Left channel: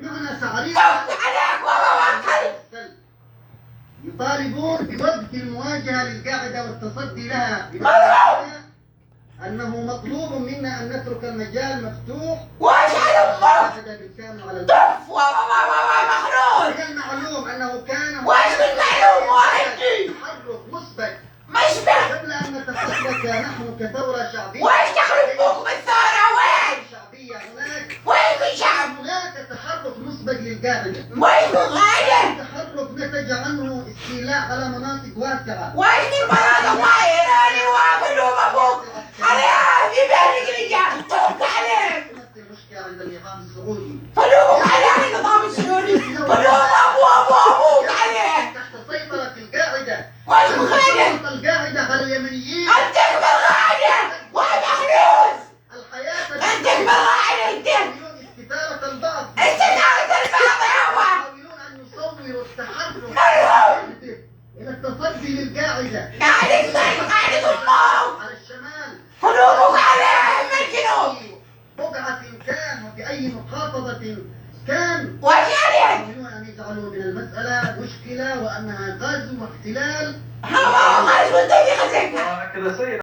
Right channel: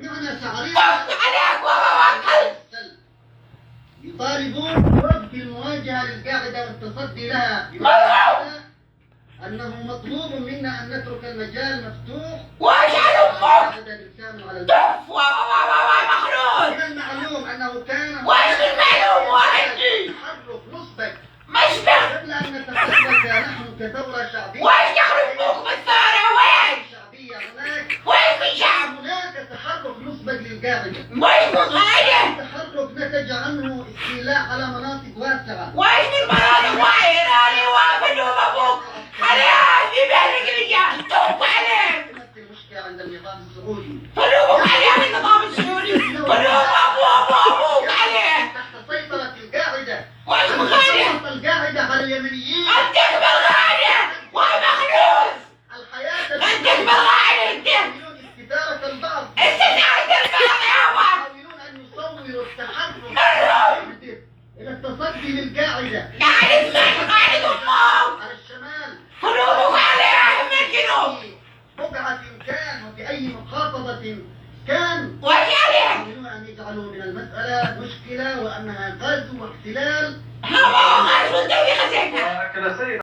بمعنى تعريض عليك وبوكل. يطالبون بوقف المواجهة للقاعدة والتصدي لها بمعنى أنه مطلوب منا أن نترك المجال مفتوح وايش على امك؟ بالكامل على طف مخلوق. من المعلوم أنه كان وايش المعلوم واحدي؟ تحرك مسبق مشبه. قبل أن نتحرك نحن كثورة شعبية. وايش يخرب بوكم الثورة وين؟ شعبية هناك وين شعب؟ هناك تحرك مسبق للقاعدة. وين غاية؟ التحرك نتج عنه استيلاء على مناطق واسعة. وين المناطق وايراني وافل ومبوك؟ عليها في بالك رجال طب عليك. نفس المشكلة عند النظام السعودي. فلوك عليه النظام السوري. فلوك ابوك عليه. تحت سيطرة القاعدة. وايش مخالف؟ القاعدة على اليمنيين. انتك بالغاية ومخلوق. الحياة انتك بالغاية انت. يحاولون استثارة البعض. استثارة البعض يابا. يحاولون أن يصوروا التحرك إلى التصدي للقاعدة قاعدة امك. على الشمال. فلوك عليه من الجنوب. في بقعة كان وفي أي محافظة كان. وايش عليك؟ يحاولون أن يجعلوا من المسألة مشكلة وأنها غزو واحتلال. هو غاز وانت في خزينة. كذا سيد